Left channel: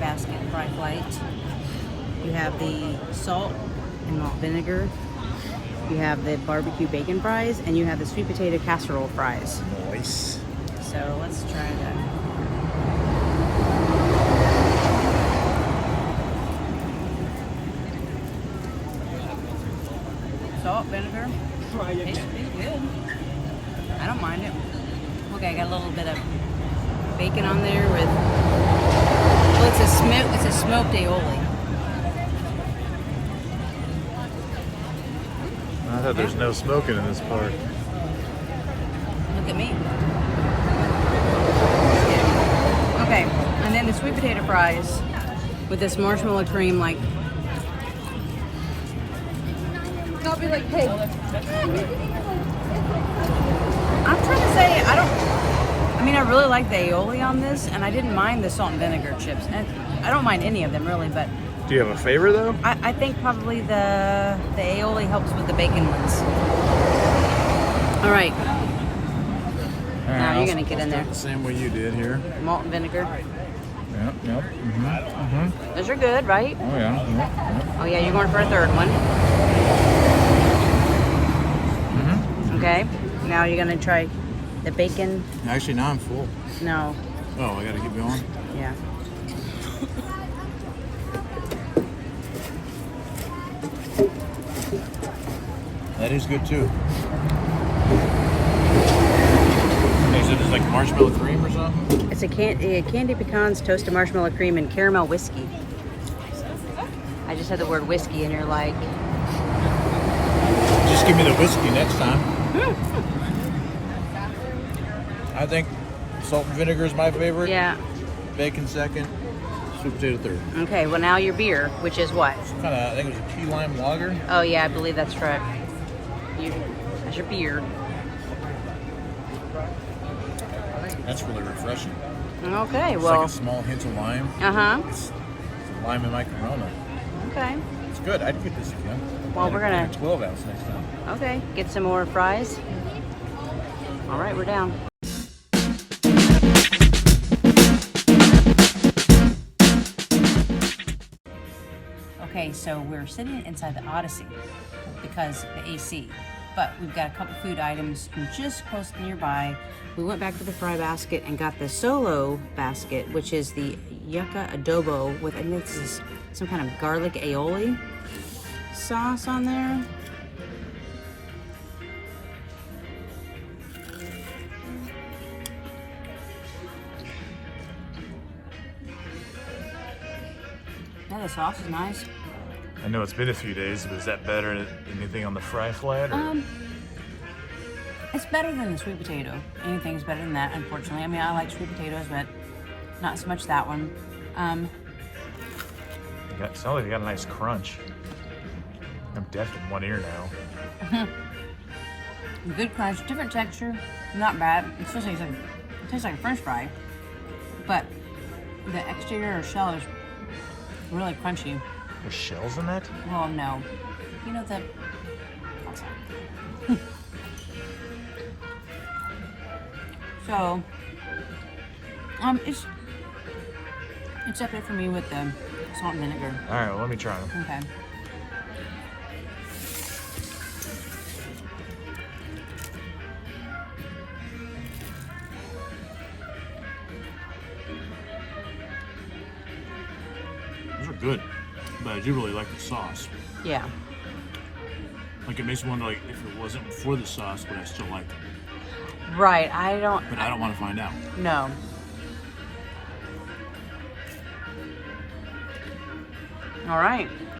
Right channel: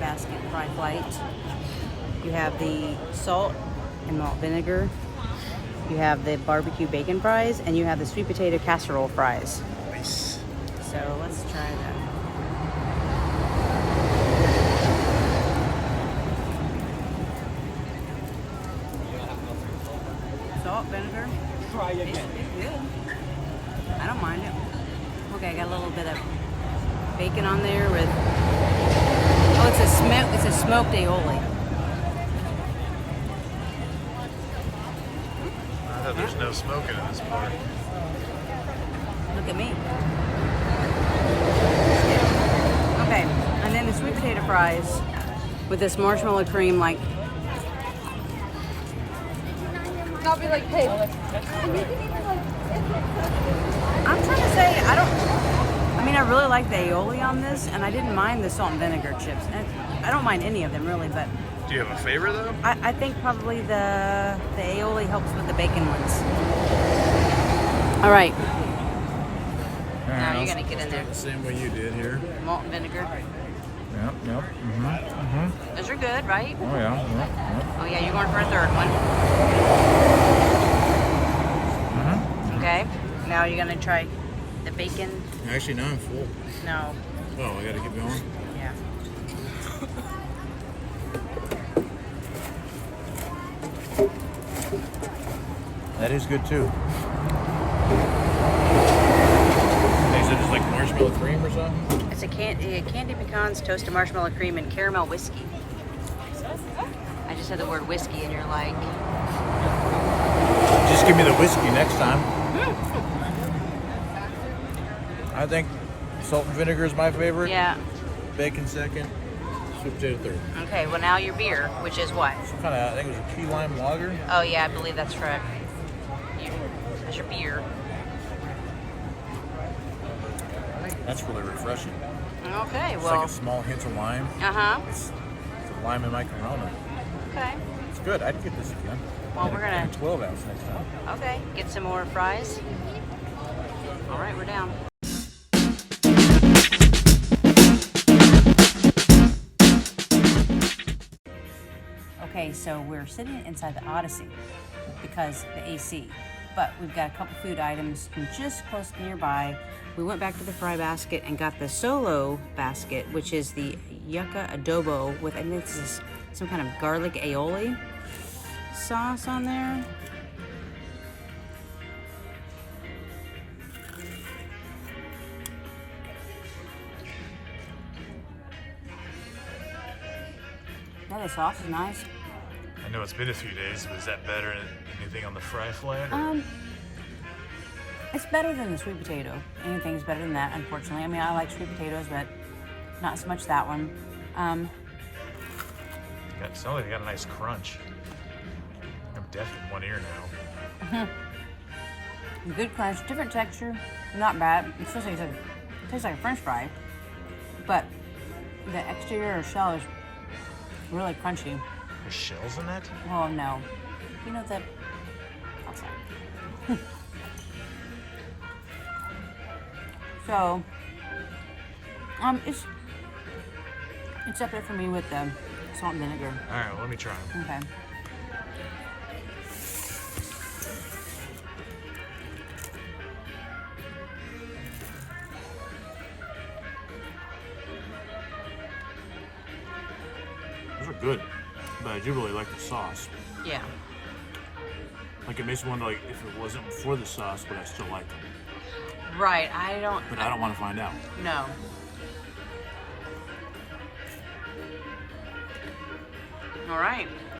basket fry flight. You have the salt and malt vinegar. You have the barbecue bacon fries, and you have the sweet potato casserole fries. Nice. So let's try that. Salt, vinegar. Tastes good. I don't mind it. Okay, I got a little bit of bacon on there with. Oh, it's a smoked aioli. I thought there's no smoking in this park. Look at me. Just kidding. Okay, and then the sweet potato fries with this marshmallow cream, like. Not be like, hey. I'm trying to say, I really like the aioli on this, and I didn't mind the salt and vinegar chips. And I don't mind any of them really, but Do you have a favorite though? I think probably the aioli helps with the bacon ones. All right. Now you're gonna get in there. The same way you did here. Malt and vinegar. Yep. Those are good, right? Oh yeah. Yep. Oh yeah, you're going for a third one. Okay. Now you're gonna try the bacon. Actually, now I'm full. No. Oh, I gotta keep going. Yeah. That is good too. Hey, so there's like marshmallow cream or something? It's a candy pecans, toasted marshmallow cream, and caramel whiskey. I just said the word whiskey, and you're like, Just give me the whiskey next time. I think salt and vinegar is my favorite. yeah. Bacon second. Sweet potato third. Okay, well now your beer, which is what? Kind of, I think it was a key lime lager. Oh yeah, I believe that's right. That's your beer. That's really refreshing. Okay, It's well. like a small hint of lime. Uh-huh. It's the lime in my Corona. Okay. It's good. I'd get this again. Well, In we're gonna- in a 12 ounce next time. Okay, get some more fries. All right, we're down. Okay, so we're sitting inside the Odyssey because the AC, but we've got a couple food items from just close nearby. We went back to the fry basket and got the solo basket, which is the Yuca Adobo with, I think this is some kind of garlic aioli sauce on there. Yeah, the sauce is nice. I know it's been a few days, but is that better than anything on the fry flat? Or? It's better than the sweet potato. Anything's better than that, unfortunately. I mean, I like sweet potatoes, but not so much that one. Sounds like they got a nice crunch. I'm deaf in one ear now. Good crunch, different texture, not bad. It tastes like a French fry, but the exterior shell is really crunchy. There's shells in that? Well, no, you know the outside. So, it's up there for me with the salt and vinegar. All right, well, let me try them. Okay. Those are good, but I do really like the sauce. Yeah. Like, it makes me wonder, like, if it wasn't for the sauce, would I still like them? Right. But I don't want to find out. No. All right.